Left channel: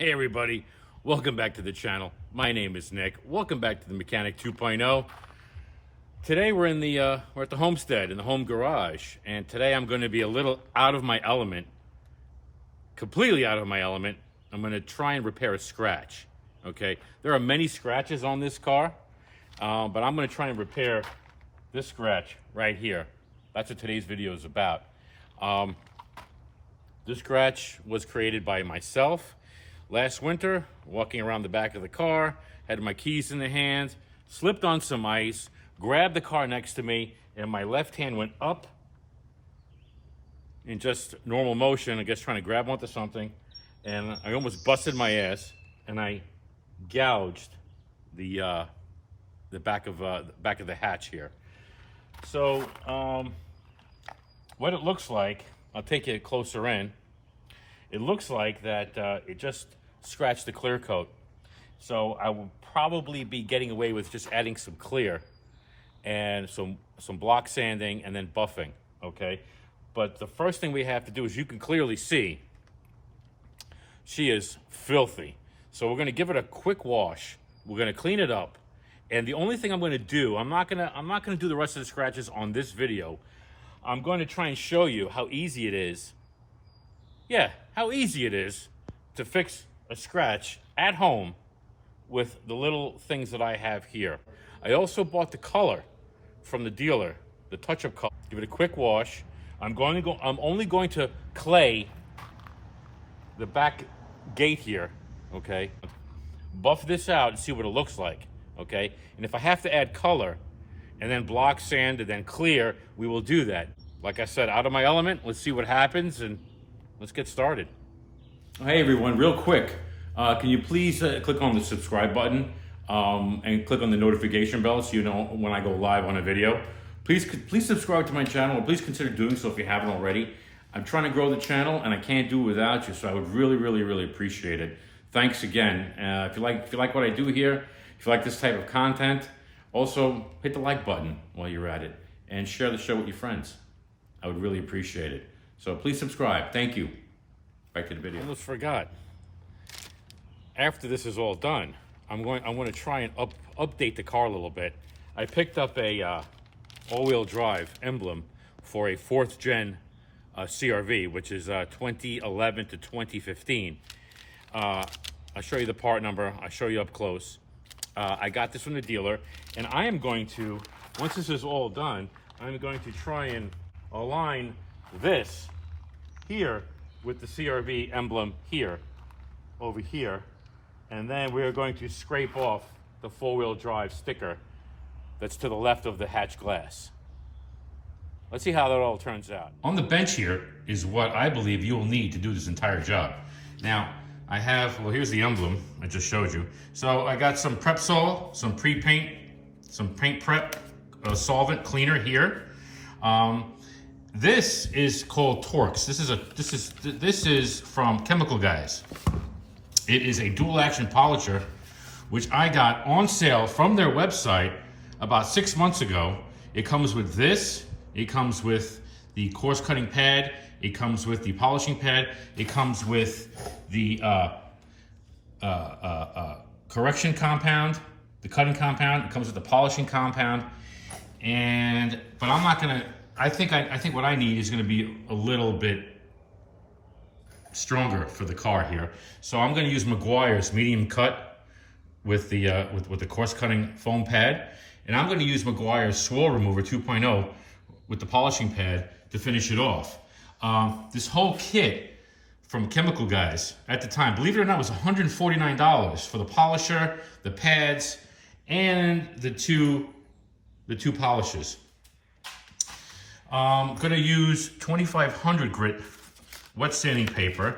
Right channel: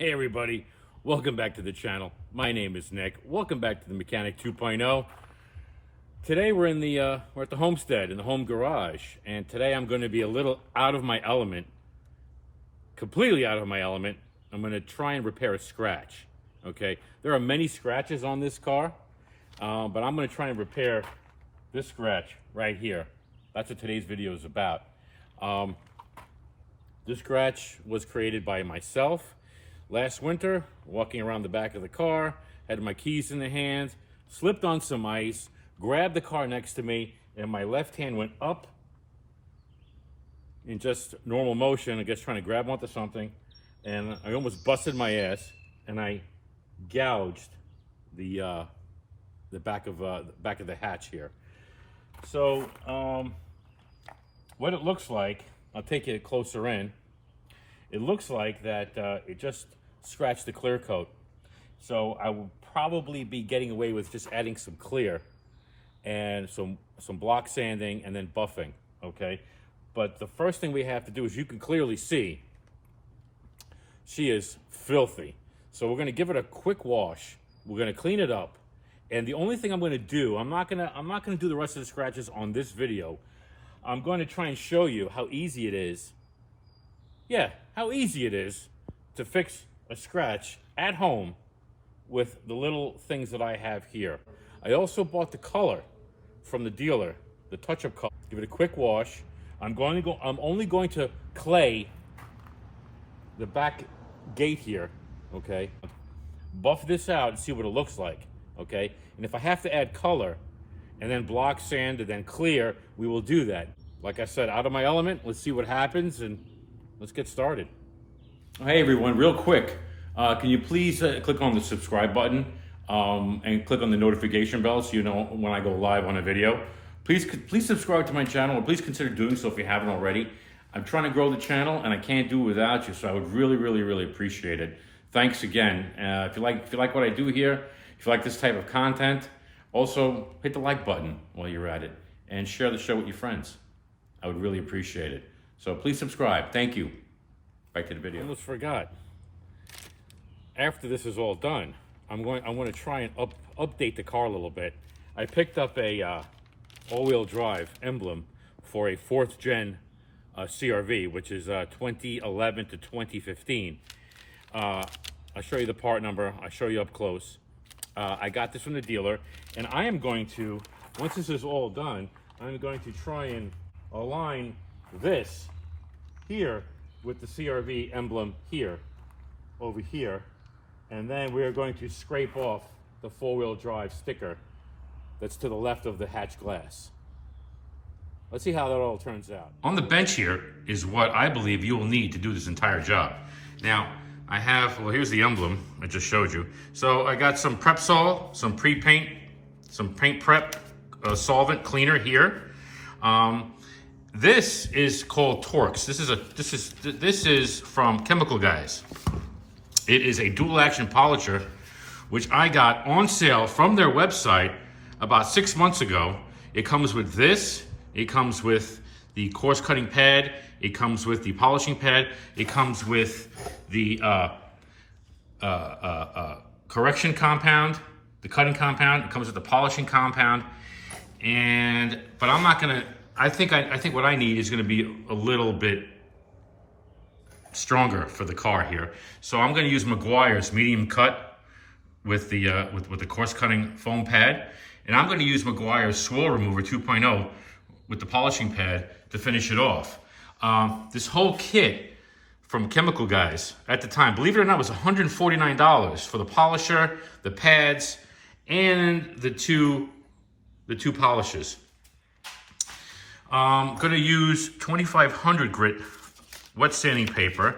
Hey everybody, welcome back to the channel. My name is Nick. Welcome back to the Mechanic 2.0. Today we're at the homestead in the home garage, and today I'm going to be a little out of my element, completely out of my element. I'm going to try and repair a scratch. Okay, there are many scratches on this car, but I'm going to try and repair this scratch right here. That's what today's video is about. This scratch was created by myself. Last winter, walking around the back of the car, had my keys in the hands, slipped on some ice, grabbed the car next to me, and my left hand went up in just normal motion, I guess trying to grab onto something, and I almost busted my ass, and I gouged the back of the hatch here. So what it looks like, I'll take you closer in. It looks like that it just scratched the clear coat. So I will probably be getting away with just adding some clear and some block sanding and then buffing, okay? But the first thing we have to do is, you can clearly see, she is filthy. So we're gonna give it a quick wash. We're gonna clean it up. And the only thing I'm gonna do, I'm not gonna do the rest of the scratches on this video. I'm going to try and show you how easy it is. Yeah, how easy it is to fix a scratch at home with the little things that I have here. I also bought the color from the dealer, the touch-up color. Give it a quick wash. I'm only going to clay the back gate here, okay? Buff this out and see what it looks like, okay? And if I have to add color and then block sand and then clear, we will do that. Like I said, out of my element, let's see what happens and let's get started. Hey everyone, real quick, can you please click on the subscribe button and click on the notification bell so you know when I go live on a video. Please subscribe to my channel, or please consider doing so if you haven't already. I'm trying to grow the channel and I can't do it without you, so I would really appreciate it. Thanks again. If you like what I do here, if you like this type of content, also hit the like button while you're at it and share the show with your friends. I would really appreciate it. So please subscribe. Thank you. Back to the video. I almost forgot. After this is all done, I want to try and update the car a little bit. I picked up a all-wheel drive emblem for a 4th gen CRV, which is 2011 to 2015. I'll show you the part number. I'll show you up close. I got this from the dealer, and I am going to, once this is all done, I'm going to try and align this here with the CRV emblem here, over here, and then we're going to scrape off the 4-wheel drive sticker that's to the left of the hatch glass. Let's see how that all turns out. On the bench here is what I believe you will need to do this entire job. Now, I have, well, here's the emblem I just showed you. So I got some prep sol, some pre-paint, some paint prep solvent cleaner here. This is called Torx. This is from Chemical Guys. It is a dual action polisher, which I got on sale from their website about 6 months ago. It comes with this. It comes with the coarse cutting pad. It comes with the polishing pad. It comes with the correction compound, the cutting compound. It comes with the polishing compound. But I'm not gonna. I think what I need is going to be a little bit stronger for the car here. So I'm going to use Meguiar's medium cut with the with the coarse cutting foam pad, and I'm going to use Meguiar's swirl remover 2.0 with the polishing pad to finish it off. This whole kit from Chemical Guys at the time, believe it or not, was $149 for the polisher, the pads, and the two polishes. I'm going to use 2500 grit wet sanding paper.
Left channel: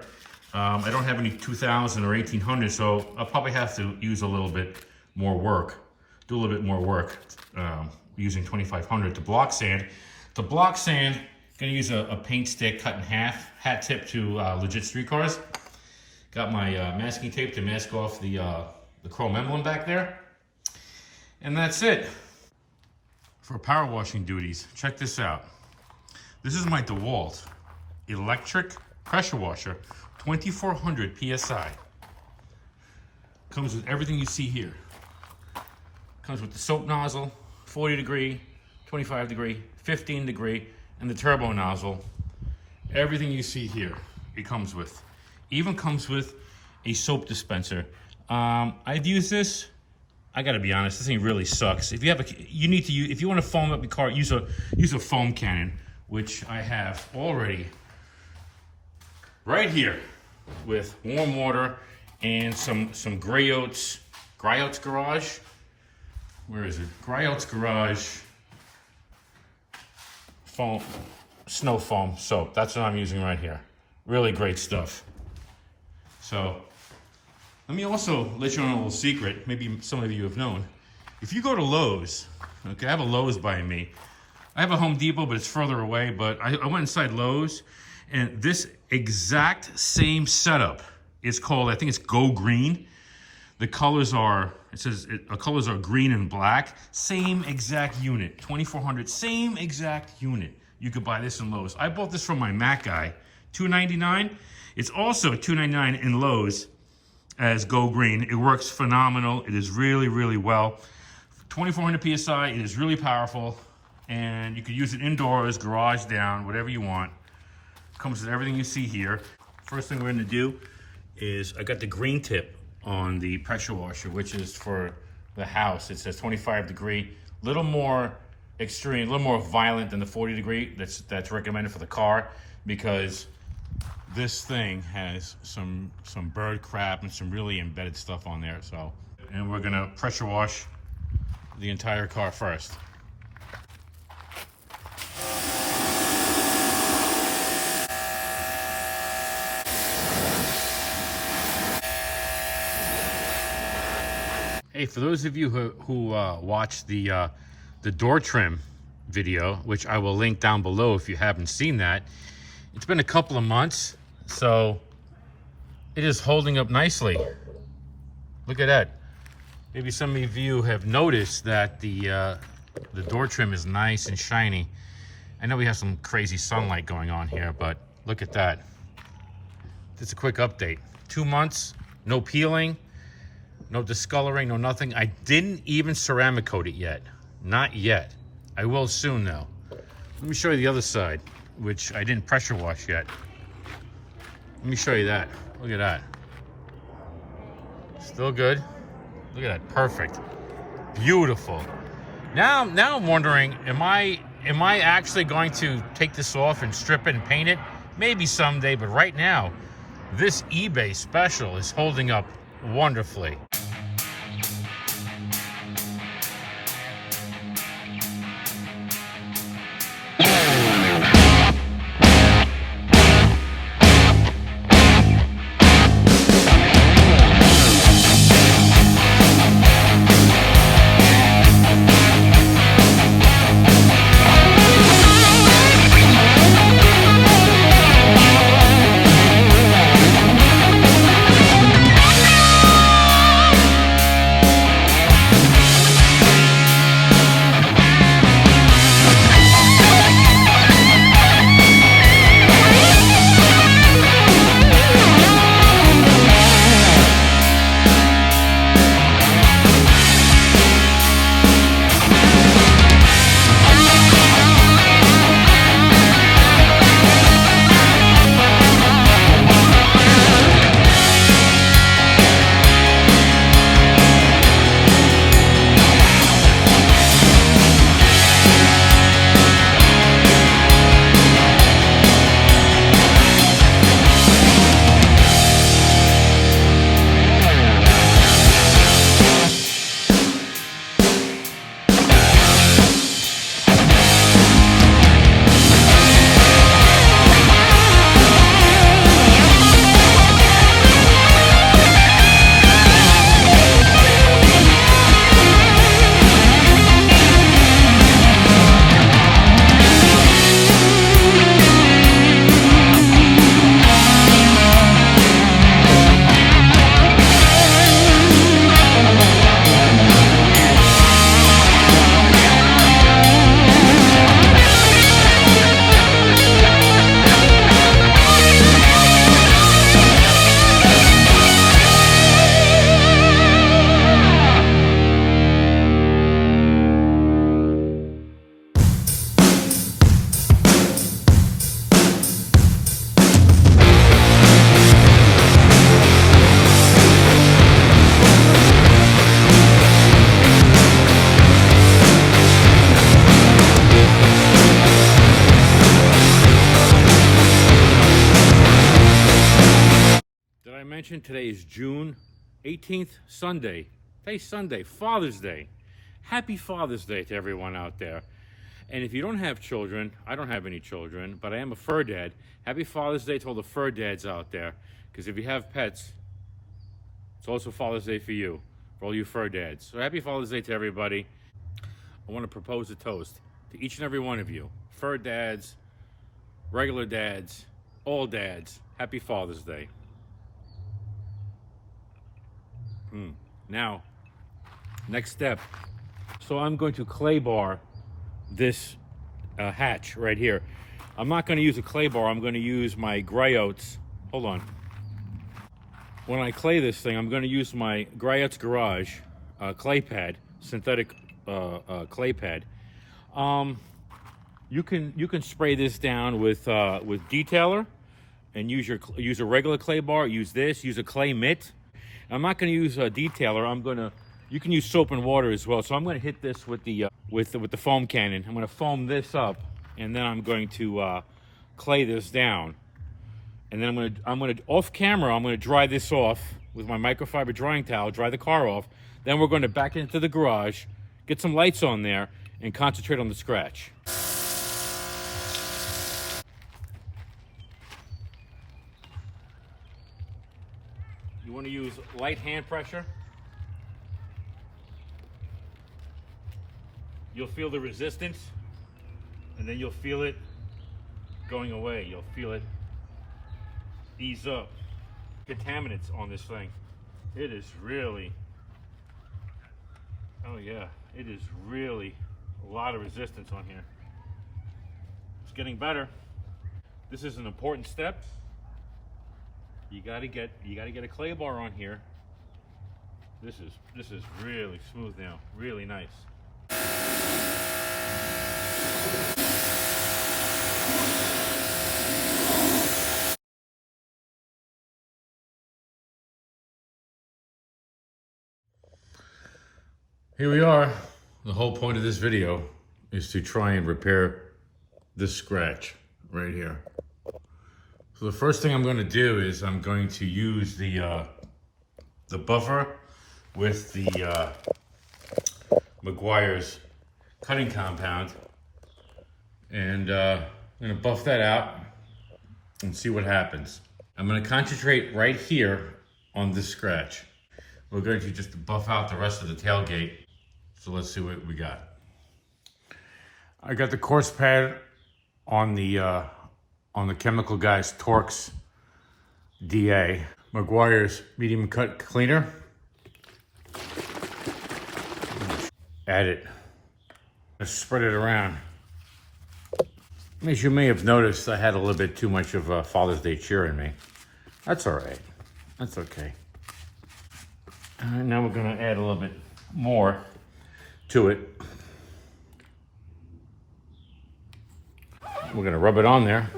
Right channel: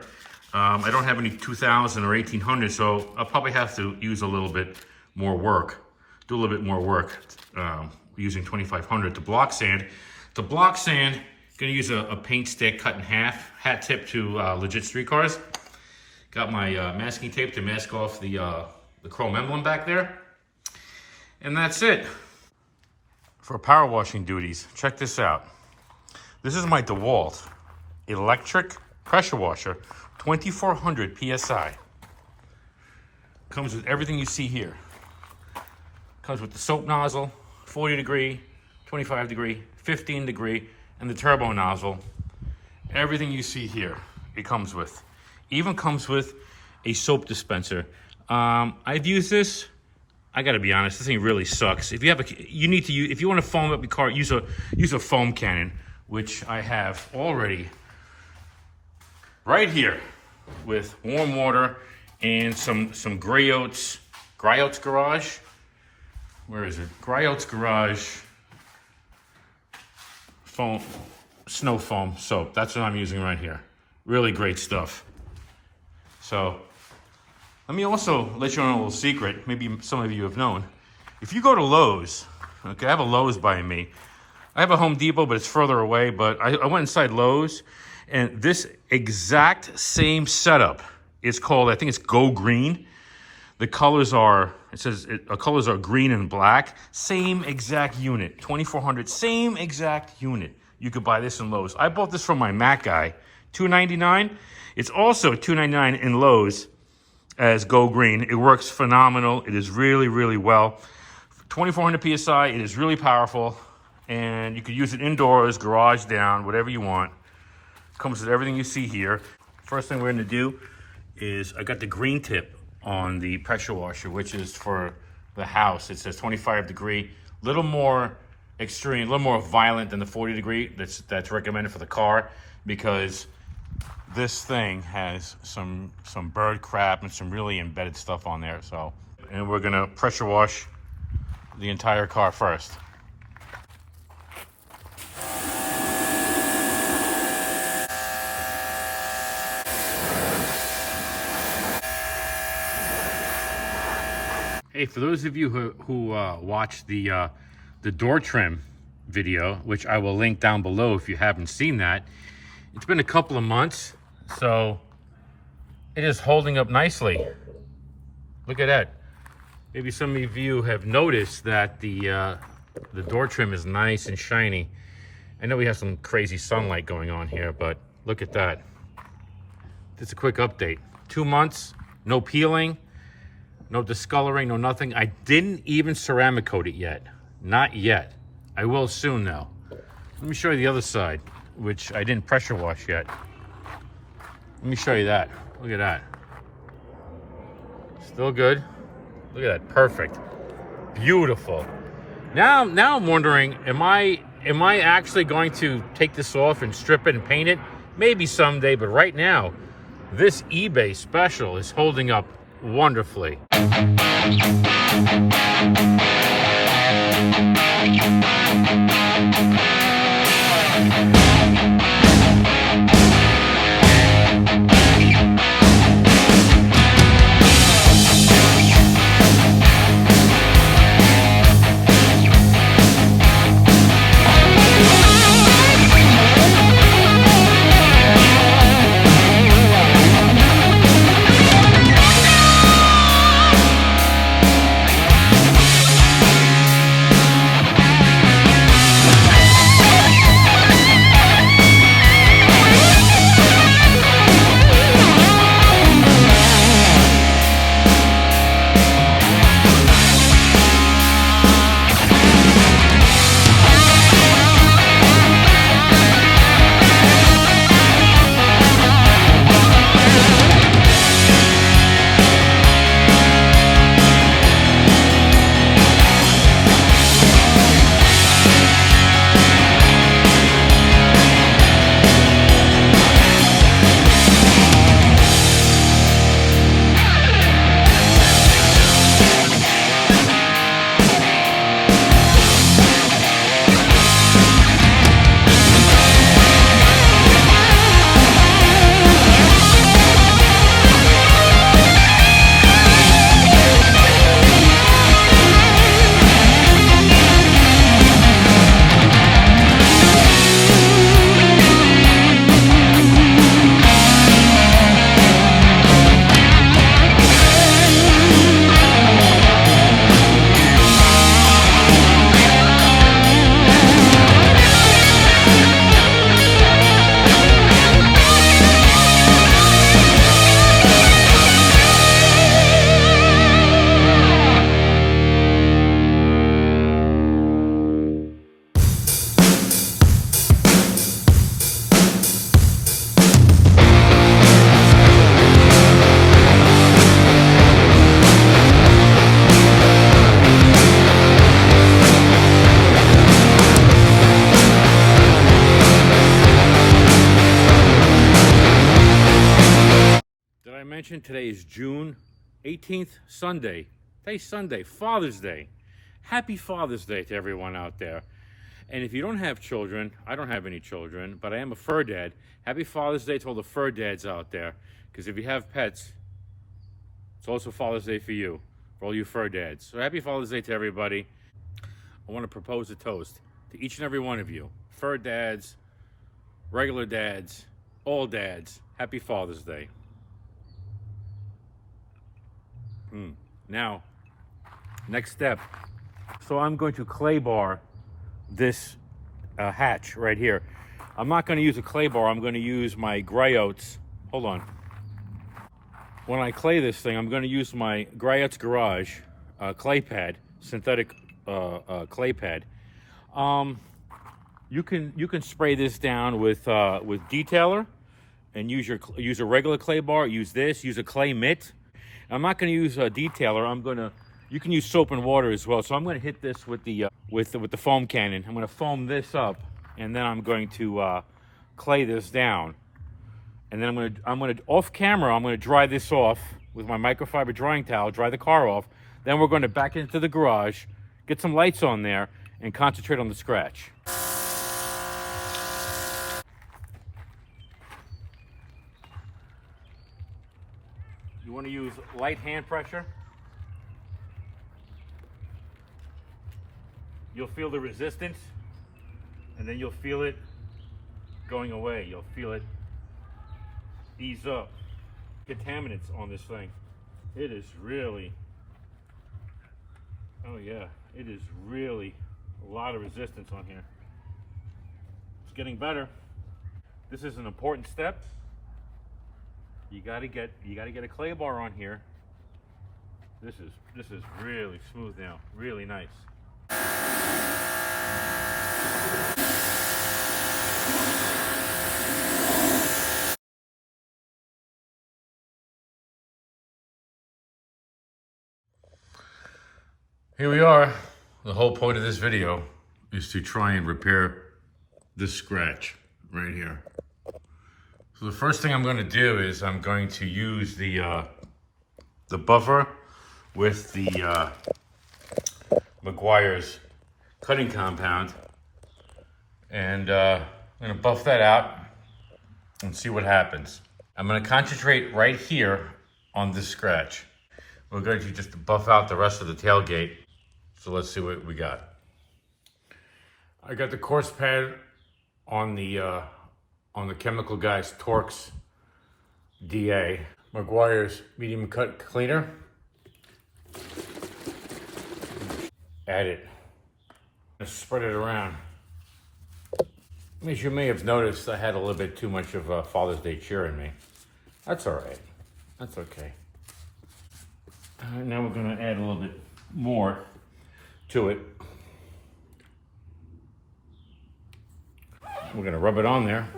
I don't have any 2000 or 1800, so I'll probably have to use a little bit more work, do a little bit more work using 2500 to block sand. To block sand, I'm going to use a paint stick cut in half, hat tip to Legit Streetcars. Got my masking tape to mask off the chrome emblem back there. And that's it. For power washing duties, check this out. This is my DeWalt electric pressure washer, 2400 PSI. Comes with everything you see here. Comes with the soap nozzle, 40 degree, 25 degree, 15 degree, and the turbo nozzle. Everything you see here, it comes with. Even comes with a soap dispenser. I've used this. I gotta be honest, this thing really sucks. If you have if you want to foam up your car, use a foam cannon, which I have already right here with warm water and some Grey Oats Garage. Where is it? Grey Oats Garage foam, snow foam soap. That's what I'm using right here. Really great stuff. So let me also let you know a little secret. Maybe some of you have known. If you go to Lowe's, okay, I have a Lowe's by me. I have a Home Depot, but it's further away. But I went inside Lowe's, and this exact same setup is called, I think it's Go Green. The colors are, colors are green and black. Same exact unit, 2400, same exact unit. You could buy this in Lowe's. I bought this from my Mac guy, $2.99. It's also $2.99 in Lowe's as Go Green. It works phenomenal. It is really, really well. 2400 PSI, it is really powerful. And you could use it indoors, garage down, whatever you want. Comes with everything you see here. First thing we're gonna do is, I got the green tip on the pressure washer, which is for the house. It says 25 degree, little more extreme, a little more violent than the 40 degree that's recommended for the car, because this thing has some bird crap and some really embedded stuff on there. So, and we're gonna pressure wash the entire car first. Hey, for those of you who watched the door trim video, which I will link down below if you haven't seen that, it's been a couple of months, so it is holding up nicely. Look at that. Maybe some of you have noticed that the door trim is nice and shiny. I know we have some crazy sunlight going on here, but look at that. Just a quick update. 2 months, no peeling. No discoloring, no nothing. I didn't even ceramic coat it yet. Not yet. I will soon though. Let me show you the other side, which I didn't pressure wash yet. Let me show you that. Look at that. Still good. Look at that. Perfect. Beautiful. Now I'm wondering, am I actually going to take this off and strip it and paint it? Maybe someday, but right now, this eBay special is holding up wonderfully. mentioned, today is June 18th, Sunday. Today's Sunday, Father's Day. Happy Father's Day to everyone out there. And if you don't have children, I don't have any children, but I am a fur dad. Happy Father's Day to all the fur dads out there. Because if you have pets, it's also Father's Day for you, for all you fur dads. So happy Father's Day to everybody. I want to propose a toast to each and every one of you. Fur dads, regular dads, all dads. Happy Father's Day. Now, next step. So I'm going to clay bar this hatch right here. I'm not going to use a clay bar. I'm going to use my Gray Oats. Hold on. When I clay this thing, I'm going to use my Gray Oats Garage clay pad, synthetic clay pad. You can spray this down with detailer, and use a regular clay bar. Use this. Use a clay mitt. I'm not going to use a detailer. You can use soap and water as well. So I'm going to hit this with the foam cannon. I'm going to foam this up, and then I'm going to clay this down. And then I'm going to off camera. I'm going to dry this off with my microfiber drying towel. Dry the car off. Then we're going to back into the garage, get some lights on there, and concentrate on the scratch. You want to use light hand pressure. You'll feel the resistance, and then you'll feel it going away. You'll feel it ease up. Contaminants on this thing. It is really, oh yeah, it is really a lot of resistance on here. It's getting better. This is an important step. You gotta get a clay bar on here. This is really smooth now, really nice. Here we are. The whole point of this video is to try and repair this scratch right here. So the first thing I'm going to do is I'm going to use the buffer with the Meguiar's cutting compound, and I'm going to buff that out and see what happens. I'm going to concentrate right here on this scratch. We're going to just buff out the rest of the tailgate. So let's see what we got. I got the coarse pad on the Chemical Guys Torx DA. Meguiar's medium cut cleaner. Add it. Just spread it around. As you may have noticed, I had a little bit too much of Father's Day cheer in me. That's all right. That's okay. And now we're going to add a little bit more to it. We're going to rub it on there.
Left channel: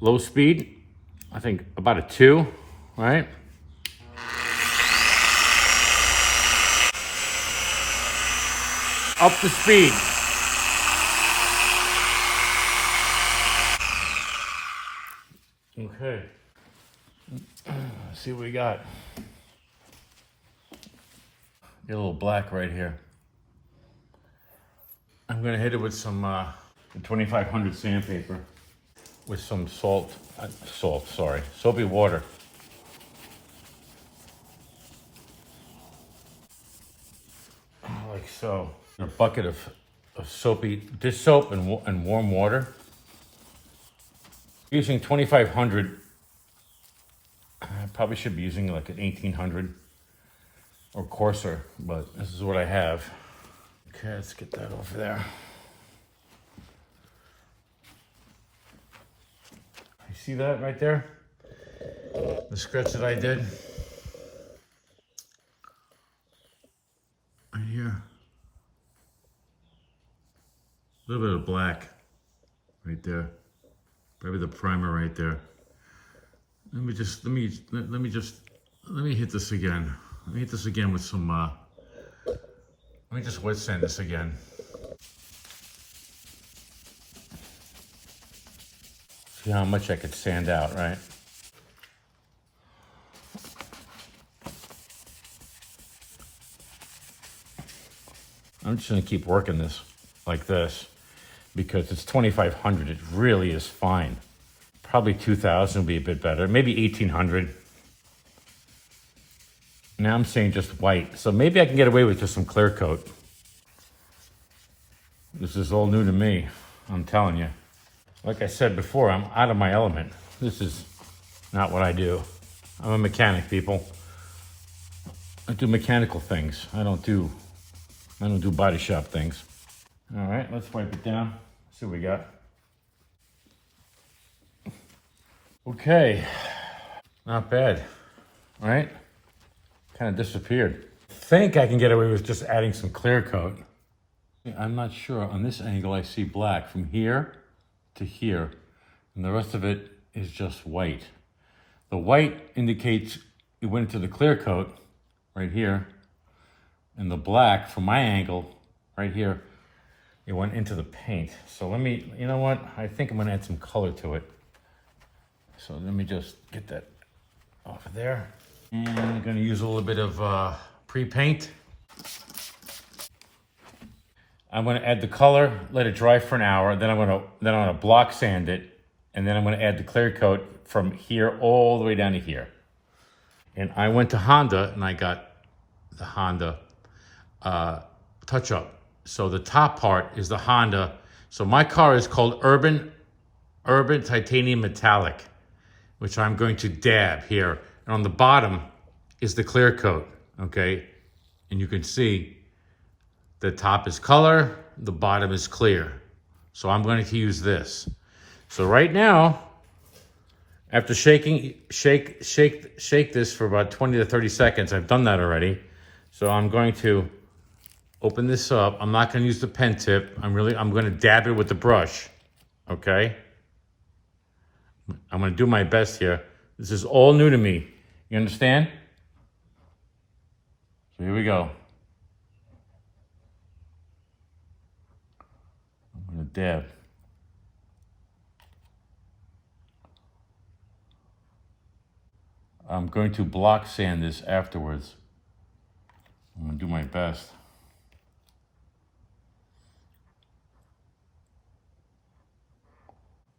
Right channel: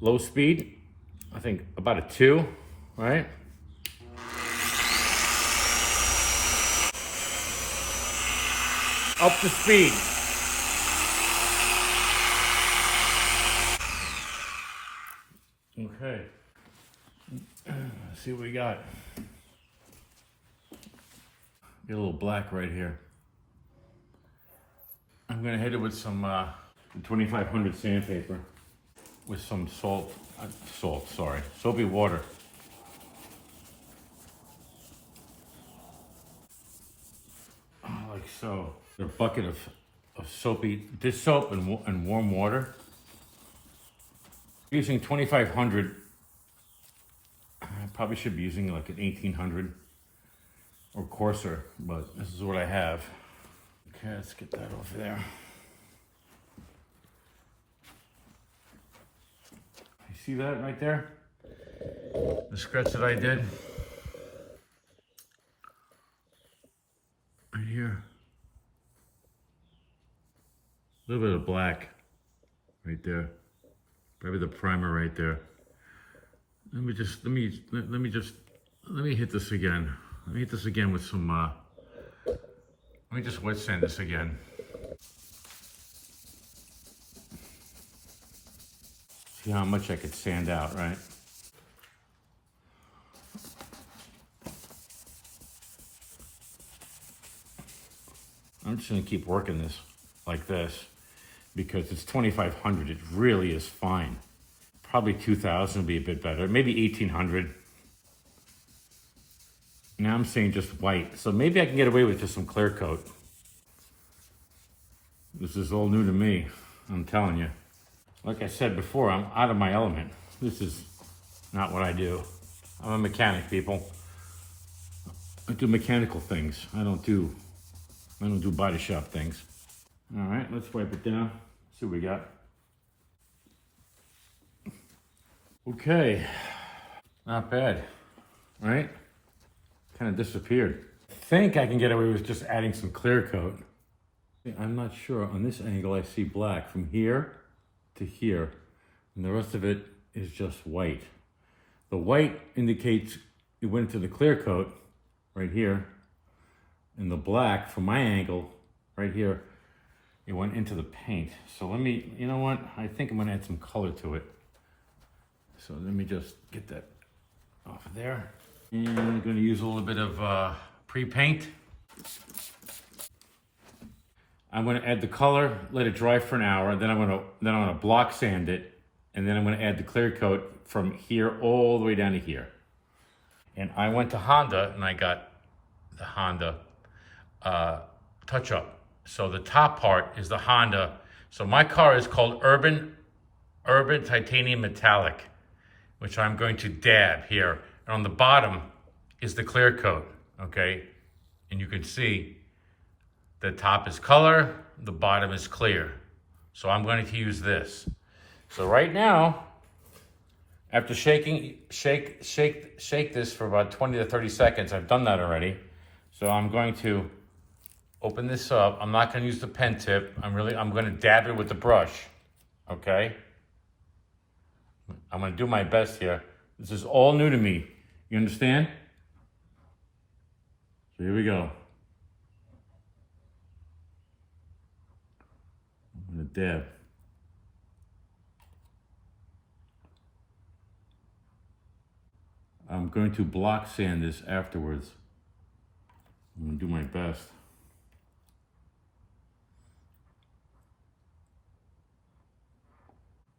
Low speed, I think about a 2, right? Up the speed. Okay. Let's see what we got. Get a little black right here. I'm gonna hit it with some 2500 sandpaper with some soapy water. Like so. A bucket of dish soap and warm water. Using 2500. I probably should be using like an 1800 or coarser, but this is what I have. Okay, let's get that over there. You see that right there? The scratch that I did. Right here. A little bit of black right there. Probably the primer right there. Let me hit this again. Let me hit this again with some, let me just wet sand this again. See how much I could sand out, right? I'm just gonna keep working this like this because it's 2,500. It really is fine. Probably 2,000 would be a bit better. Maybe 1,800. Now I'm saying just white. So maybe I can get away with just some clear coat. This is all new to me, I'm telling you. Like I said before, I'm out of my element. This is not what I do. I'm a mechanic, people. I do mechanical things. I don't do body shop things. All right, let's wipe it down. See what we got. Okay, not bad, right? Kind of disappeared. I think I can get away with just adding some clear coat. I'm not sure. On this angle, I see black from here to here, and the rest of it is just white. The white indicates it went into the clear coat right here, and the black from my angle right here, it went into the paint. So let me, you know what? I think I'm gonna add some color to it. So let me just get that off of there. And I'm gonna use a little bit of pre-paint. I'm gonna add the color, let it dry for an hour, then I'm gonna block sand it, and then I'm gonna add the clear coat from here all the way down to here. And I went to Honda and I got the Honda touch-up. So the top part is the Honda. So my car is called Urban Titanium Metallic, which I'm going to dab here. And on the bottom is the clear coat, okay? And you can see the top is color, the bottom is clear. So I'm going to use this. So right now, after shake this for about 20 to 30 seconds, I've done that already. So I'm going to open this up. I'm not going to use the pen tip. I'm going to dab it with the brush, okay? I'm going to do my best here. This is all new to me. You understand? So here we go. I'm going to dab. I'm going to block sand this afterwards. I'm going to do my best.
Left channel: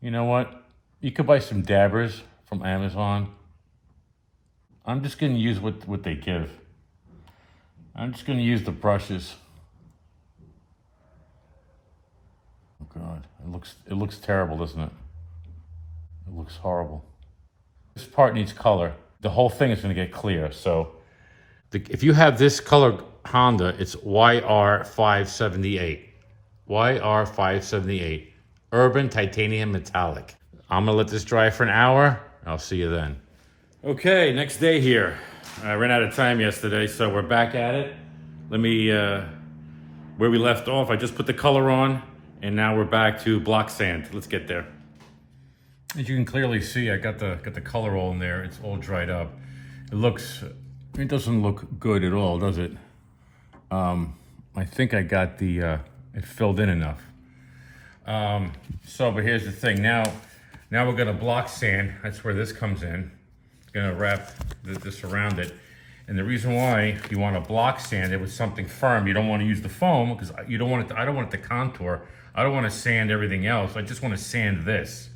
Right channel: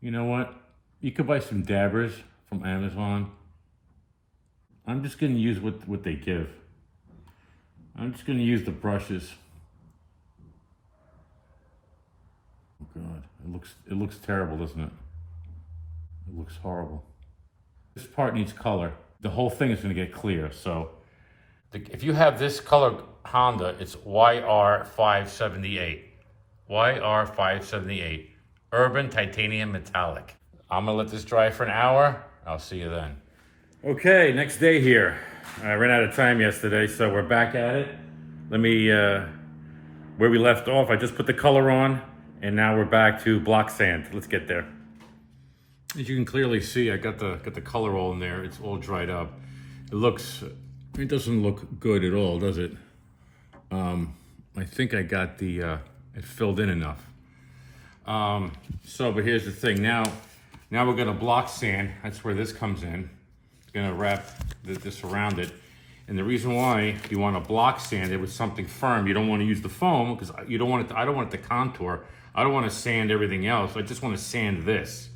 You know what? You could buy some dabbers from Amazon. I'm just going to use what they give. I'm just going to use the brushes. Oh God, it looks terrible, doesn't it? It looks horrible. This part needs color. The whole thing is going to get clear. So if you have this color Honda, it's YR578. YR578. Urban Titanium Metallic. I'm going to let this dry for an hour. I'll see you then. Okay, next day here. I ran out of time yesterday, so we're back at it. Let me, where we left off, I just put the color on, and now we're back to block sand. Let's get there. As you can clearly see, I got the color all in there. It's all dried up. It doesn't look good at all, does it? I think I got it filled in enough. But here's the thing. Now we're gonna block sand. That's where this comes in. Gonna wrap this around it. And the reason why you want to block sand it with something firm, you don't want to use the foam because you don't want it. I don't want it to contour. I don't want to sand everything else. I just want to sand this.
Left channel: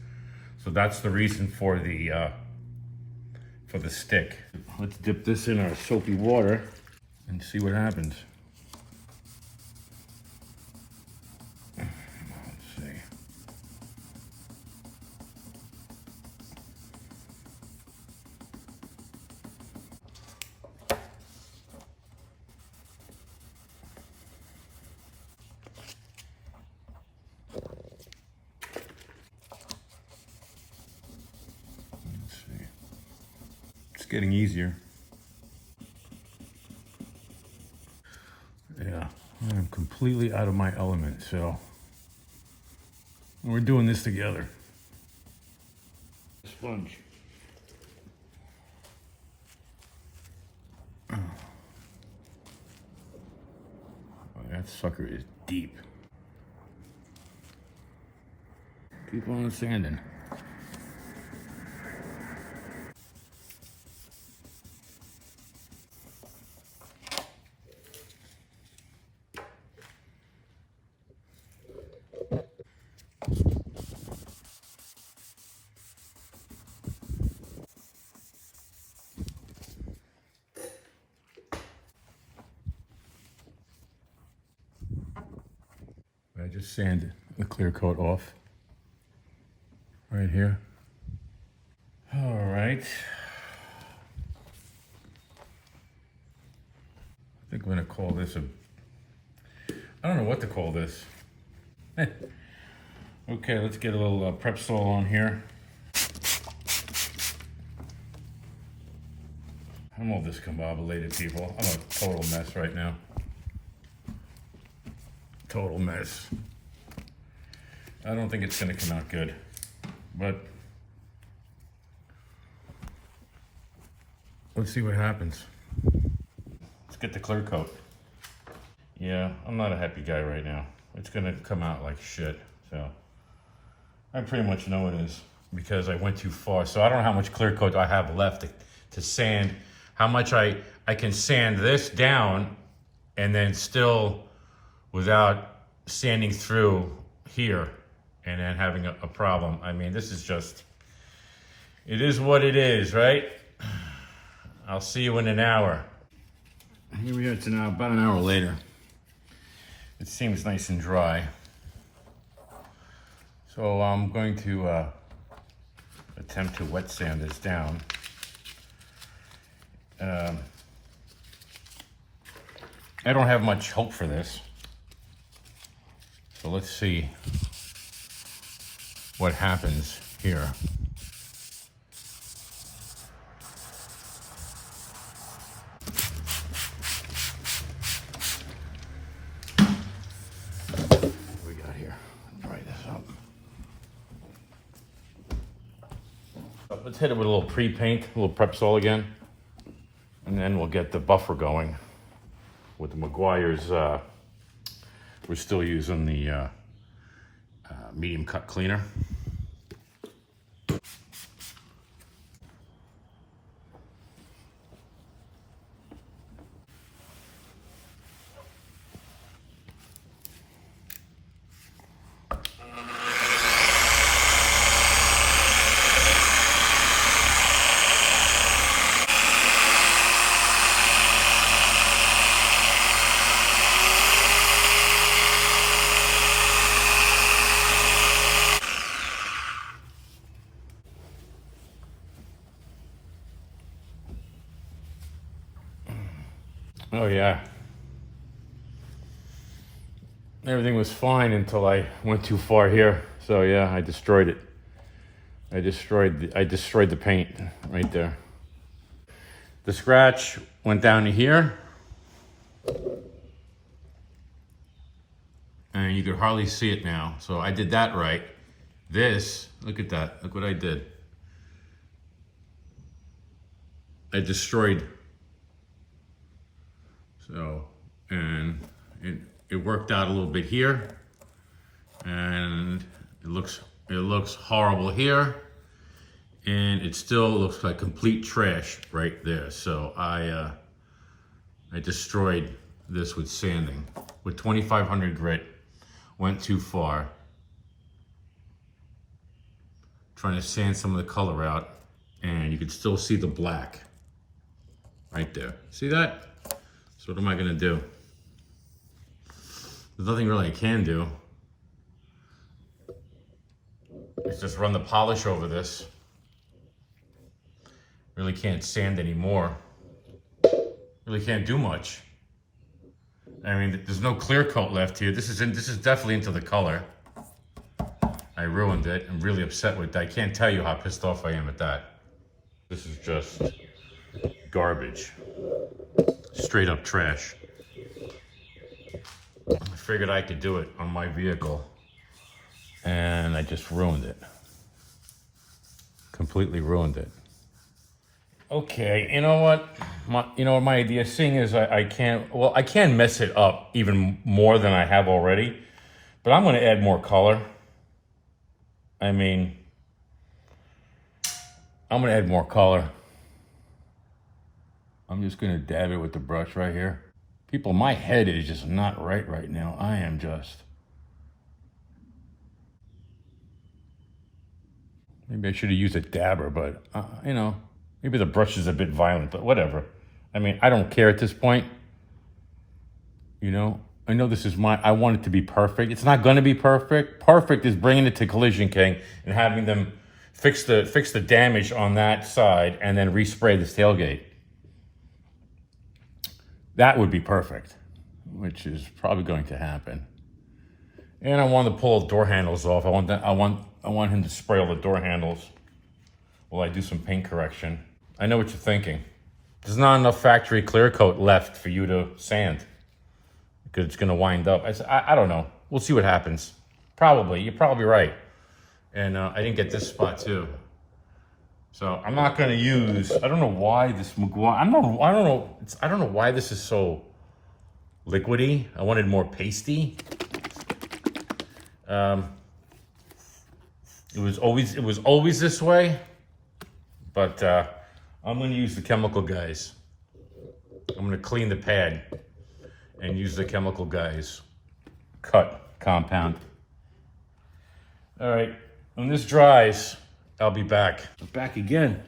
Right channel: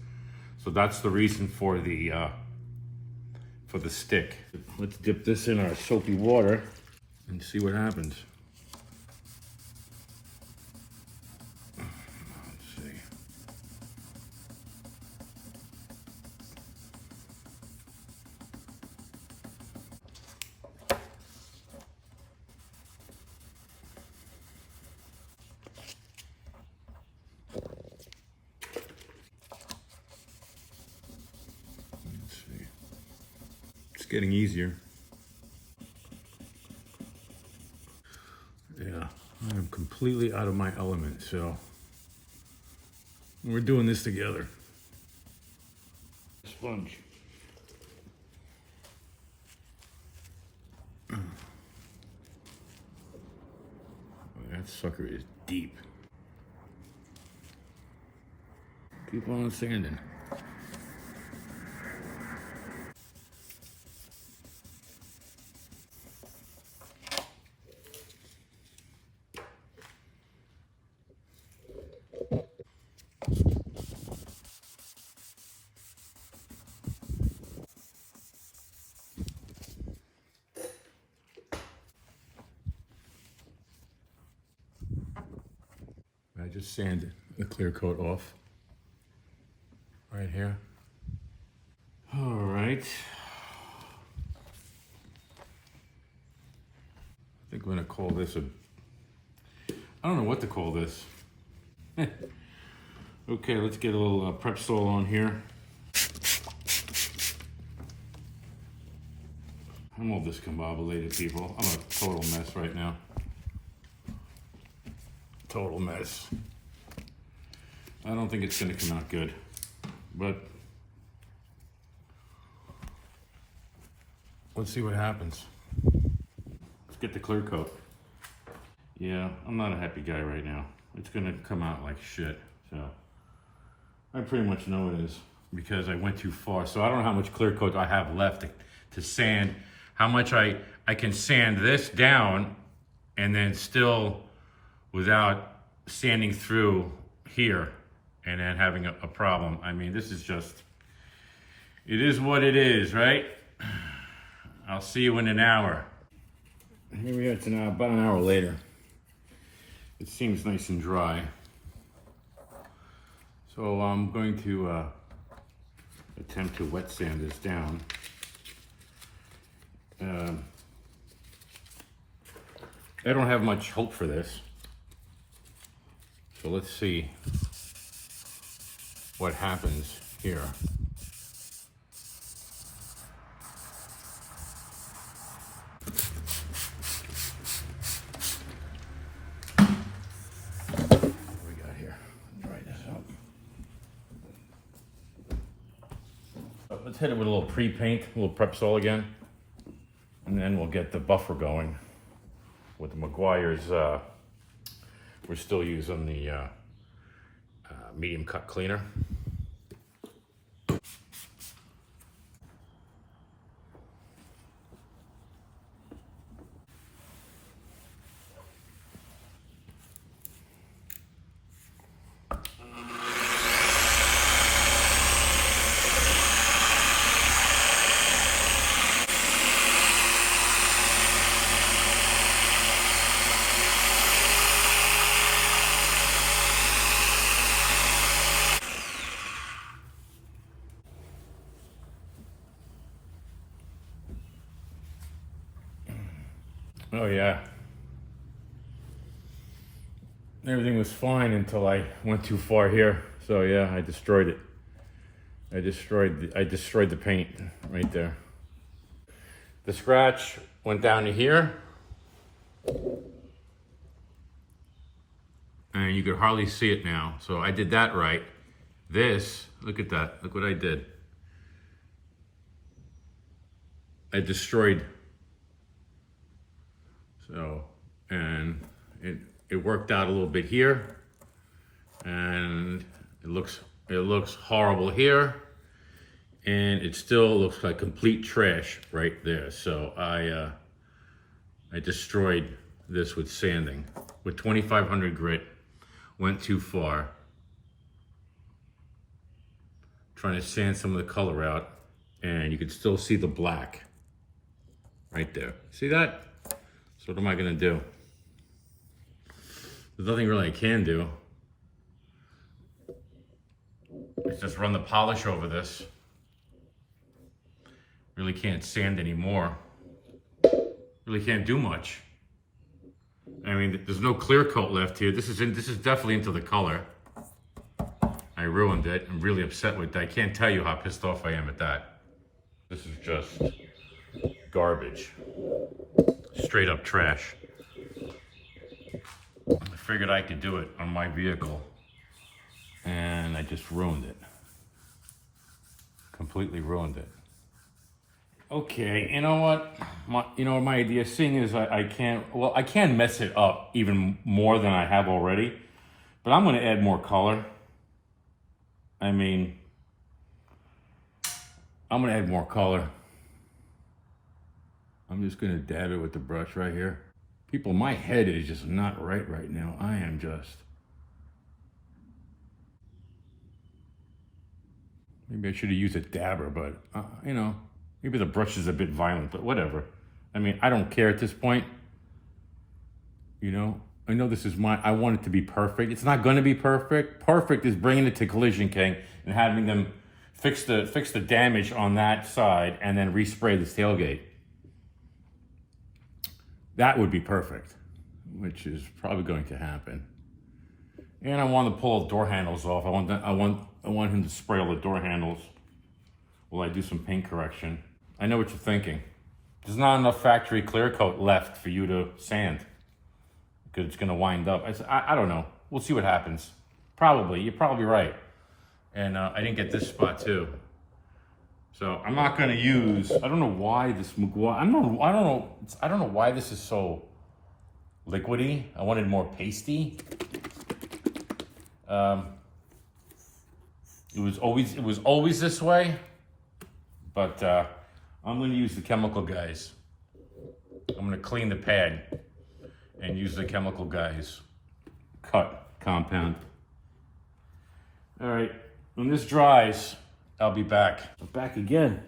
So that's the reason for the stick. Let's dip this in our soapy water and see what happens. Getting easier. Yeah, I'm completely out of my element, so we're doing this together. Sponge. Oh, that sucker is deep. Keep on sanding. just sand the clear coat off right here. All right. I think I'm gonna call this I don't know what to call this. Okay, let's get a little prep sol on here. I'm all discombobulated, people. I'm a total mess right now. Total mess. I don't think it's gonna come out good, but let's see what happens. Let's get the clear coat. Yeah, I'm not a happy guy right now. It's gonna come out like shit, so. I pretty much know it is because I went too far. So I don't know how much clear coat I have left to sand, how much I can sand this down and then still without sanding through here and then having a problem. I mean, this is just, it is what it is, right? I'll see you in an hour. Here we are, it's now about an hour later. It seems nice and dry. So I'm going to attempt to wet sand this down. I don't have much hope for this. So let's see what happens here. What we got here? Dry this up. Let's hit it with a little pre-paint, a little prep sol again. And then we'll get the buffer going. With the Meguiar's, we're still using the medium cut cleaner. Oh yeah. Everything was fine until I went too far here. So yeah, I destroyed it. I destroyed the paint right there. The scratch went down to here. And you could hardly see it now. So I did that right. This, look at that. Look what I did. I destroyed. So, and it worked out a little bit here, and it looks horrible here, and it still looks like complete trash right there. So I destroyed this with sanding with 2500 grit. Went too far. Trying to sand some of the color out, and you can still see the black right there. See that? So what am I gonna do? There's nothing really I can do. It's just run the polish over this. Really can't sand anymore. Really can't do much. I mean, there's no clear coat left here. This is definitely into the color. I ruined it. I'm really upset with that. I can't tell you how pissed off I am at that. This is just garbage. Straight up trash. I figured I could do it on my vehicle, and I just ruined it. Completely ruined it. Okay, you know what? My idea, seeing is I can mess it up even more than I have already, but I'm gonna add more color. I mean, I'm gonna add more color. I'm just gonna dab it with the brush right here. People, my head is just not right now. I am just. Maybe I should have used a dabber, but you know, maybe the brush is a bit violent, but whatever. I mean, I don't care at this point. You know, I know this is I want it to be perfect. It's not gonna be perfect. Perfect is bringing it to Collision King and having them fix the damage on that side and then respray this tailgate. That would be perfect, which is probably going to happen. And I want to pull the door handles off. I want him to spray all the door handles while I do some paint correction. I know what you're thinking. There's not enough factory clear coat left for you to sand because it's gonna wind up. I don't know. We'll see what happens. Probably, you're probably right. And I didn't get this spot too. So I'm not gonna use, I don't know why this I don't know why this is so liquidy. I wanted more pasty. It was always this way, but I'm gonna use the chemical guys. I'm gonna clean the pad and use the chemical guys cut compound. All right, when this dries, I'll be back. I'm back again.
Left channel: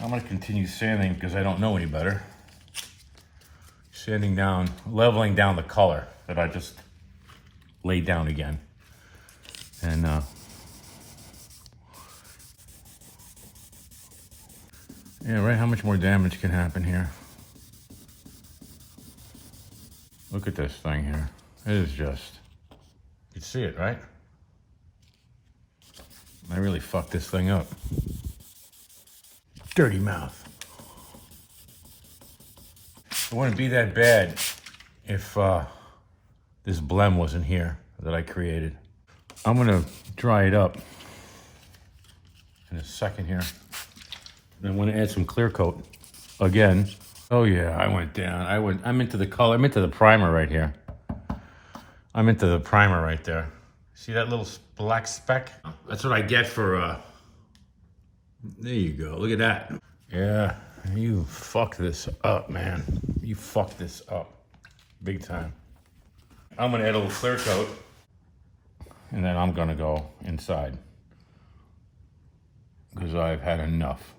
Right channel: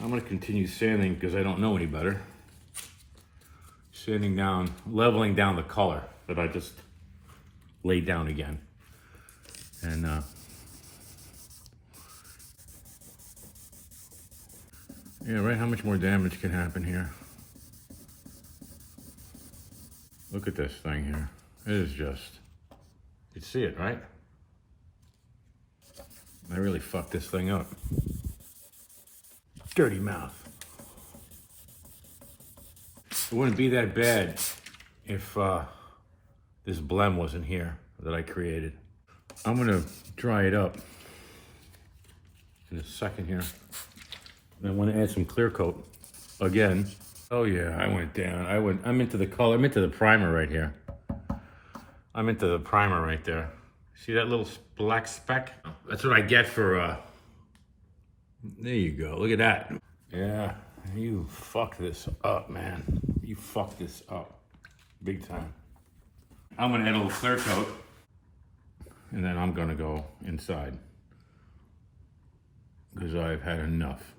I'm gonna continue sanding because I don't know any better. Sanding down, leveling down the color that I just laid down again. And yeah, right, how much more damage can happen here? Look at this thing here. It is just, you see it, right? I really fucked this thing up. Dirty mouth. It wouldn't be that bad if this blem wasn't here that I created. I'm gonna dry it up in a second here. I want to add some clear coat again. Oh yeah, I went down. I'm into the color. I'm into the primer right here. I'm into the primer right there. See that little black speck? That's what I get for, there you go. Look at that. Yeah, you fucked this up, man. You fucked this up big time. I'm gonna add a little clear coat and then I'm gonna go inside because I've had enough.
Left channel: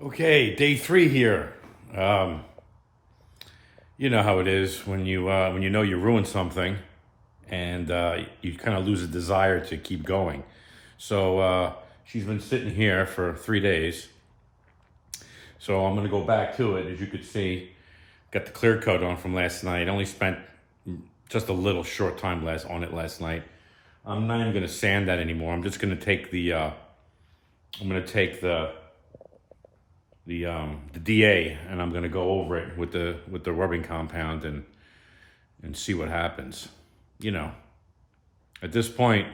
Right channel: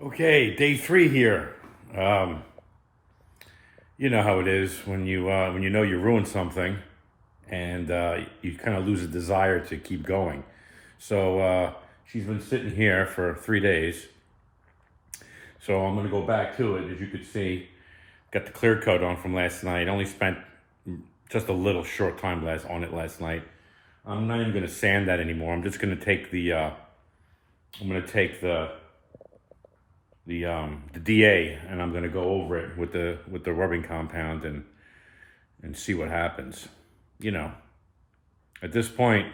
Okay, day 3 here. You know how it is when you know you ruined something, and you kind of lose a desire to keep going. So she's been sitting here for 3 days. So I'm gonna go back to it. As you could see, got the clear coat on from last night. Only spent just a little short time on it last night. I'm not even gonna sand that anymore. I'm just gonna take the DA, and I'm gonna go over it with the rubbing compound and see what happens. You know, at this point,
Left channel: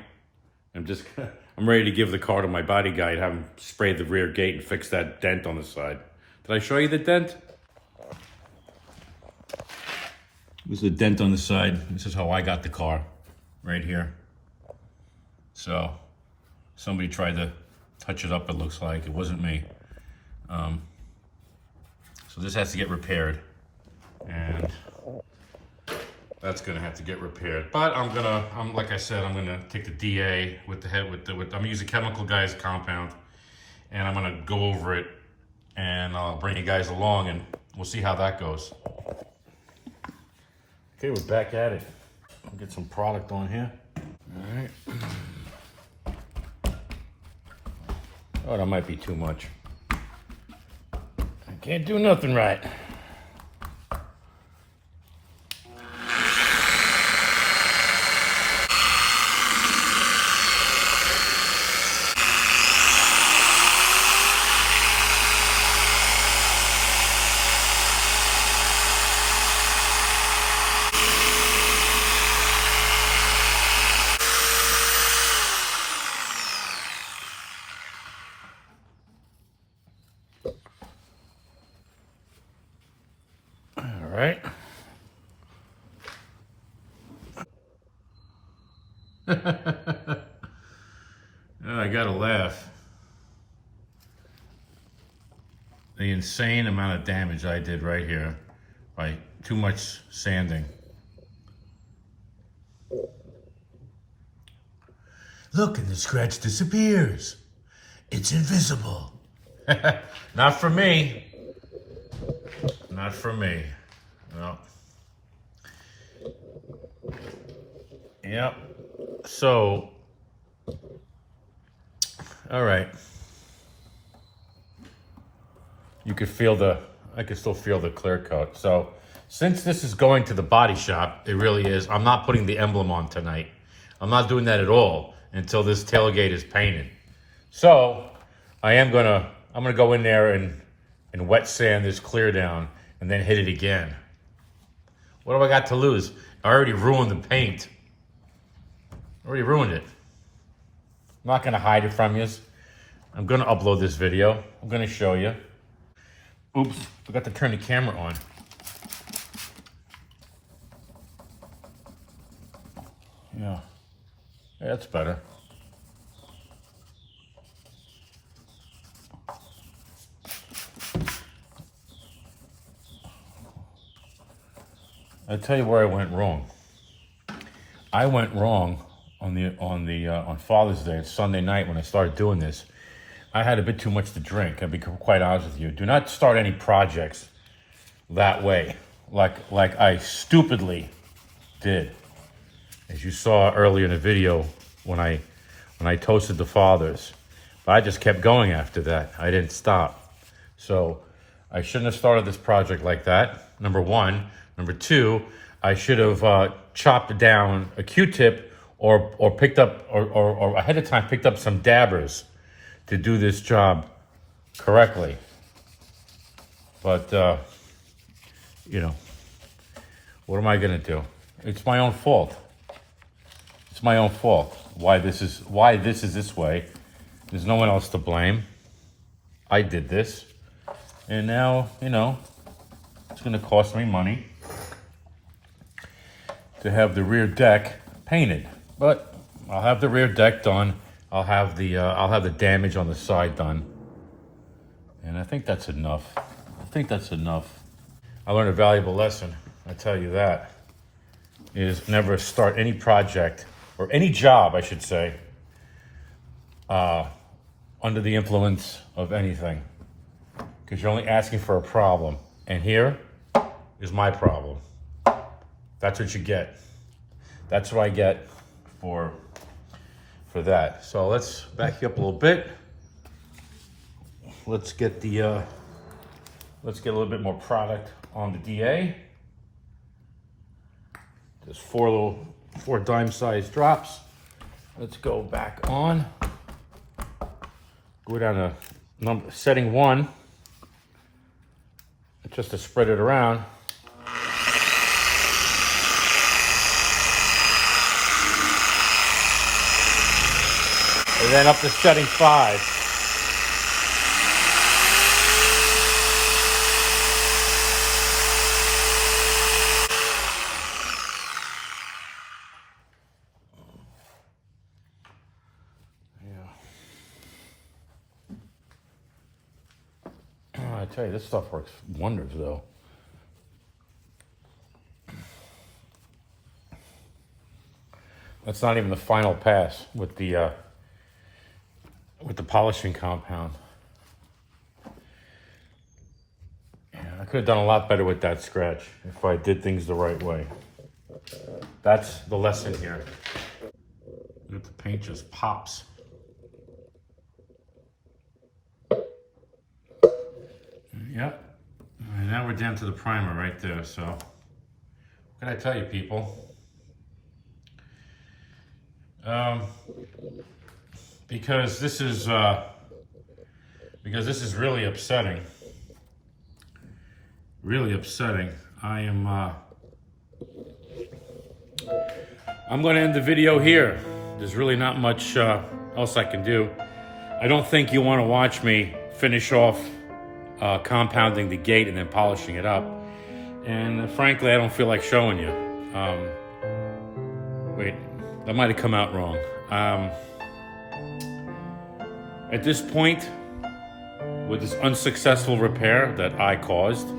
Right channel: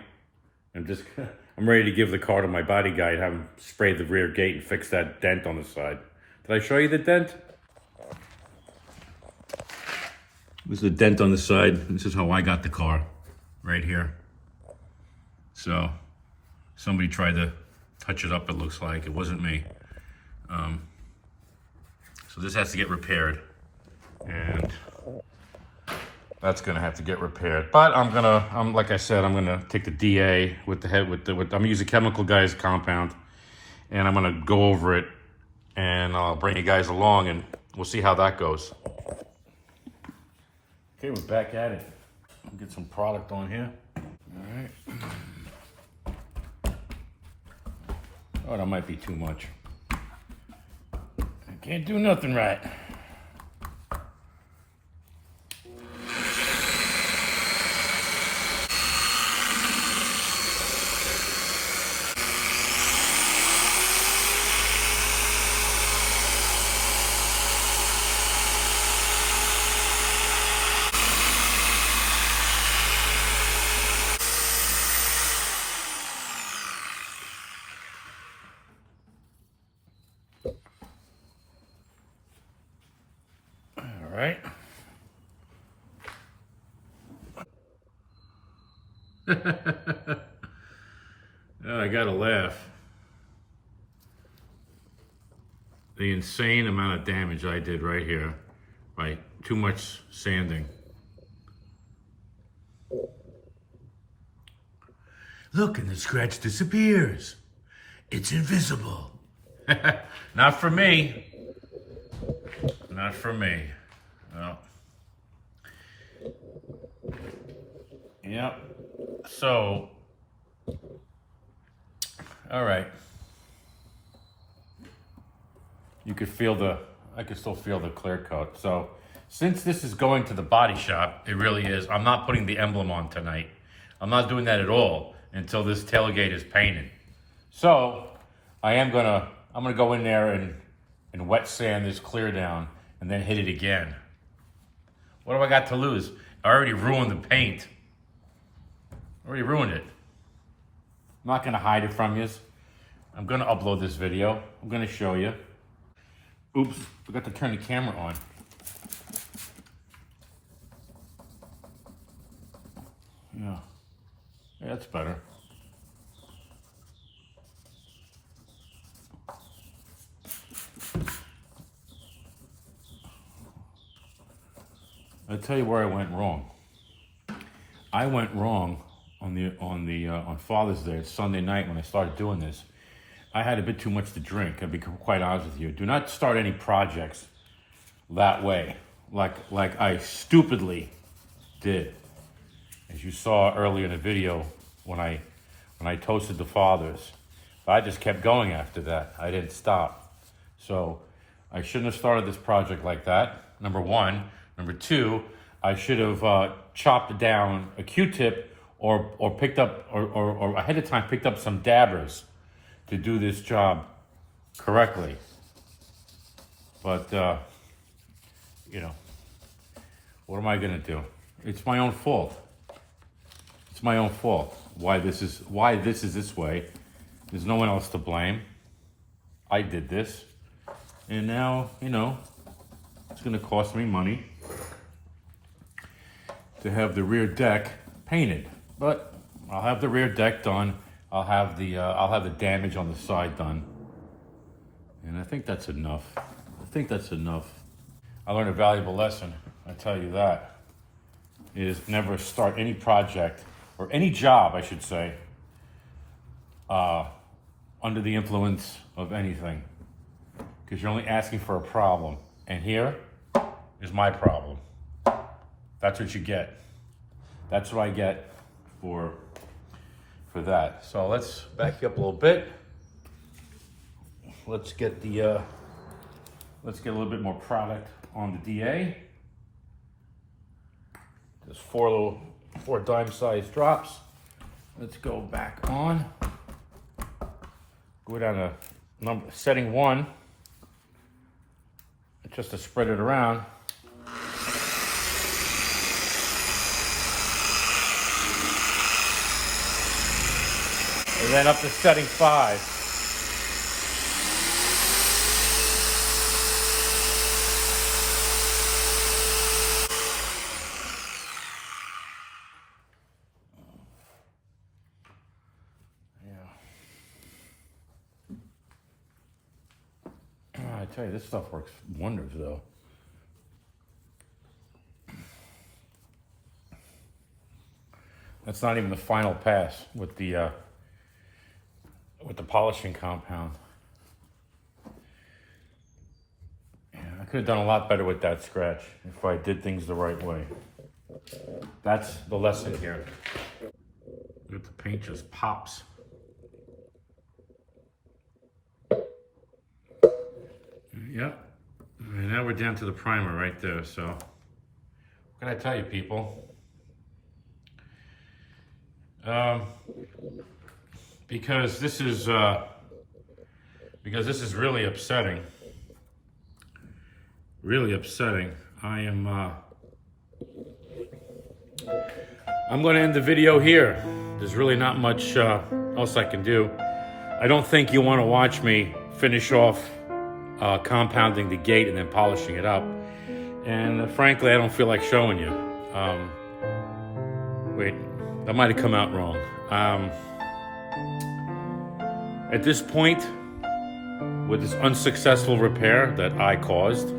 I'm ready to give the car to my body guy and have him spray the rear gate and fix that dent on the side. Did I show you the dent? This is the dent on the side. This is how I got the car, right here. So somebody tried to touch it up, it looks like. It wasn't me. So this has to get repaired, and that's gonna have to get repaired. But like I said, I'm gonna take the DA I'm gonna use the chemical guys compound, and I'm gonna go over it, and I'll bring you guys along, and we'll see how that goes. Okay, we're back at it. I'll get some product on here. All right. Oh, that might be too much. Can't do nothing right. Right? I gotta laugh. The insane amount of damage I did right here by too much sanding. Look, and the scratch disappears. It's invisible. Not for me. Not for me. No. Yep. So, all right. You could feel I could still feel the clear coat. So, since this is going to the body shop, it really is. I'm not putting the emblem on tonight. I'm not doing that at all until this tailgate is painted. So, I'm gonna go in there and wet sand this clear down and then hit it again. What have I got to lose? I already ruined the paint. Already ruined it. I'm not gonna hide it from you. I'm gonna upload this video. I'm gonna show you. Oops, forgot to turn the camera on. Yeah, that's better. I'll tell you where I went wrong. I went wrong on Father's Day, Sunday night when I started doing this. I had a bit too much to drink. I'll be quite honest with you. Do not start any projects that way, like I stupidly did. As you saw earlier in the video when I toasted the fathers. But I just kept going after that. I didn't stop. So I shouldn't have started this project like that, number one. Number two, I should have chopped down a Q-tip or picked up, or ahead of time picked up some dabbers to do this job correctly. But, you know, what am I gonna do? It's my own fault. It's my own fault. Why this is this way. There's no one else to blame. I did this. And now, you know, it's gonna cost me money to have the rear deck painted. But I'll have the rear deck done. I'll have the damage on the side done. And I think that's enough. I think that's enough. I learned a valuable lesson, I tell you that, is never start any project, or any job, I should say, under the influence of anything. Because you're only asking for a problem. And here is my problem. That's what you get. That's what I get for that. So let's back you up a little bit. Let's get a little bit more product on the DA. Just four dime-sized drops. Let's go back on. Go down to setting 1, just to spread it around. And then up to setting 5. I tell you, this stuff works wonders, though. That's not even the final pass with the polishing compound. Yeah, I could have done a lot better with that scratch if I did things the right way. That's the lesson here. The paint just pops. Yep. And now we're down to the primer right there. So, what can I tell you, people? Because this is really upsetting. Really upsetting. I'm going to end the video here. There's really not much else I can do. I don't think you want to watch me finish off compounding the gate and then polishing it up. And frankly, I don't feel like showing you. Wait, that might have come out wrong. At this point, with this unsuccessful repair that I caused, you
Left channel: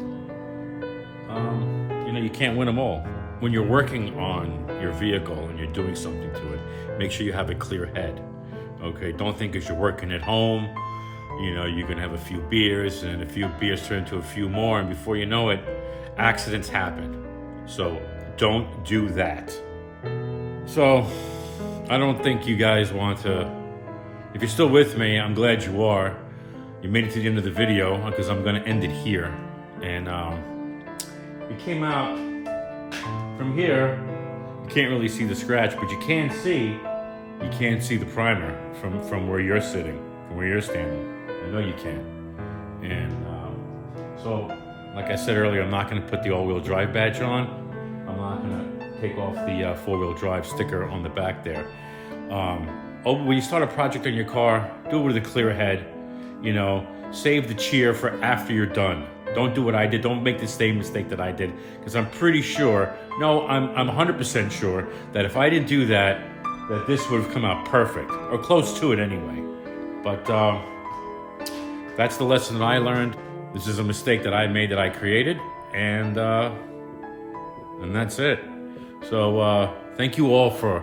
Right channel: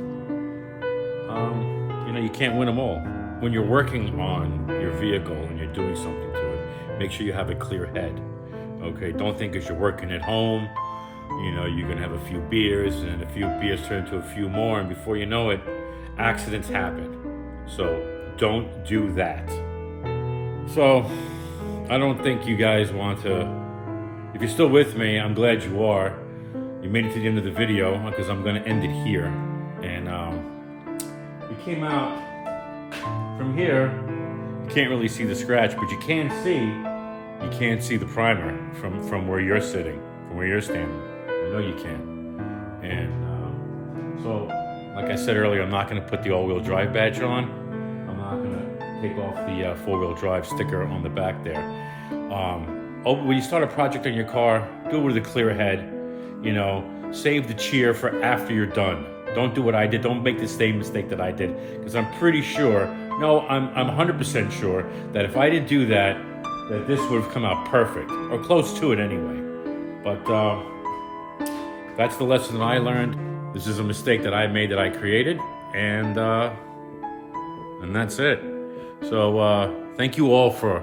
know, you can't win them all. When you're working on your vehicle and you're doing something to it, make sure you have a clear head. Okay, don't think because you're working at home, you know, you're gonna have a few beers, and a few beers turn into a few more, and before you know it, accidents happen. So don't do that. So I don't think you guys want to, if you're still with me, I'm glad you are. You made it to the end of the video, because I'm gonna end it here. And it came out from here. You can't really see the scratch, but you can see the primer from where you're sitting, from where you're standing. I know you can. And so, like I said earlier, I'm not going to put the all-wheel drive badge on. I'm not going to take off the four-wheel drive sticker on the back there. When you start a project on your car, do it with a clear head. You know, save the cheer for after you're done. Don't do what I did. Don't make the same mistake that I did, because I'm pretty sure, no, I'm 100% sure that if I didn't do that, that this would have come out perfect, or close to it anyway. But that's the lesson that I learned. This is a mistake that I made, that I created, and that's it. So thank you all for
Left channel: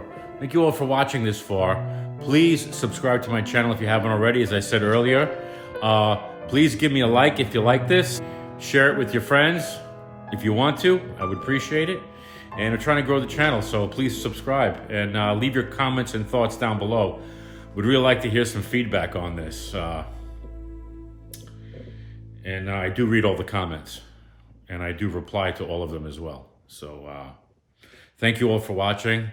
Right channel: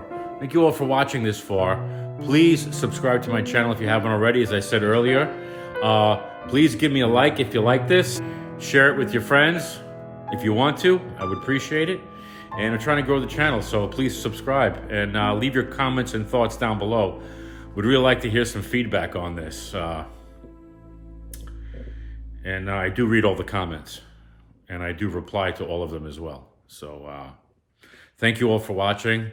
watching this far. Please subscribe to my channel if you haven't already. As I said earlier, please give me a like if you like this. Share it with your friends if you want to. I would appreciate it. And I'm trying to grow the channel, so please subscribe and leave your comments and thoughts down below. Would really like to hear some feedback on this. And I do read all the comments, and I do reply to all of them as well. So thank you all for watching,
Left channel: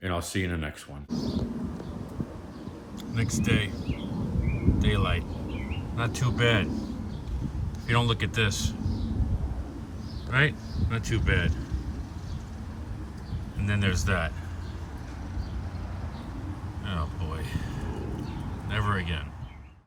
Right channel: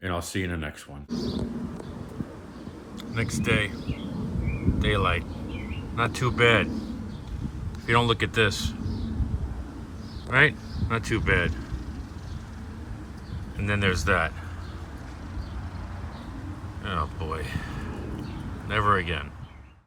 and I'll see you in the next one. Next day, daylight. Not too bad. If you don't look at this, right? Not too bad. And then there's that. Oh boy. Never again.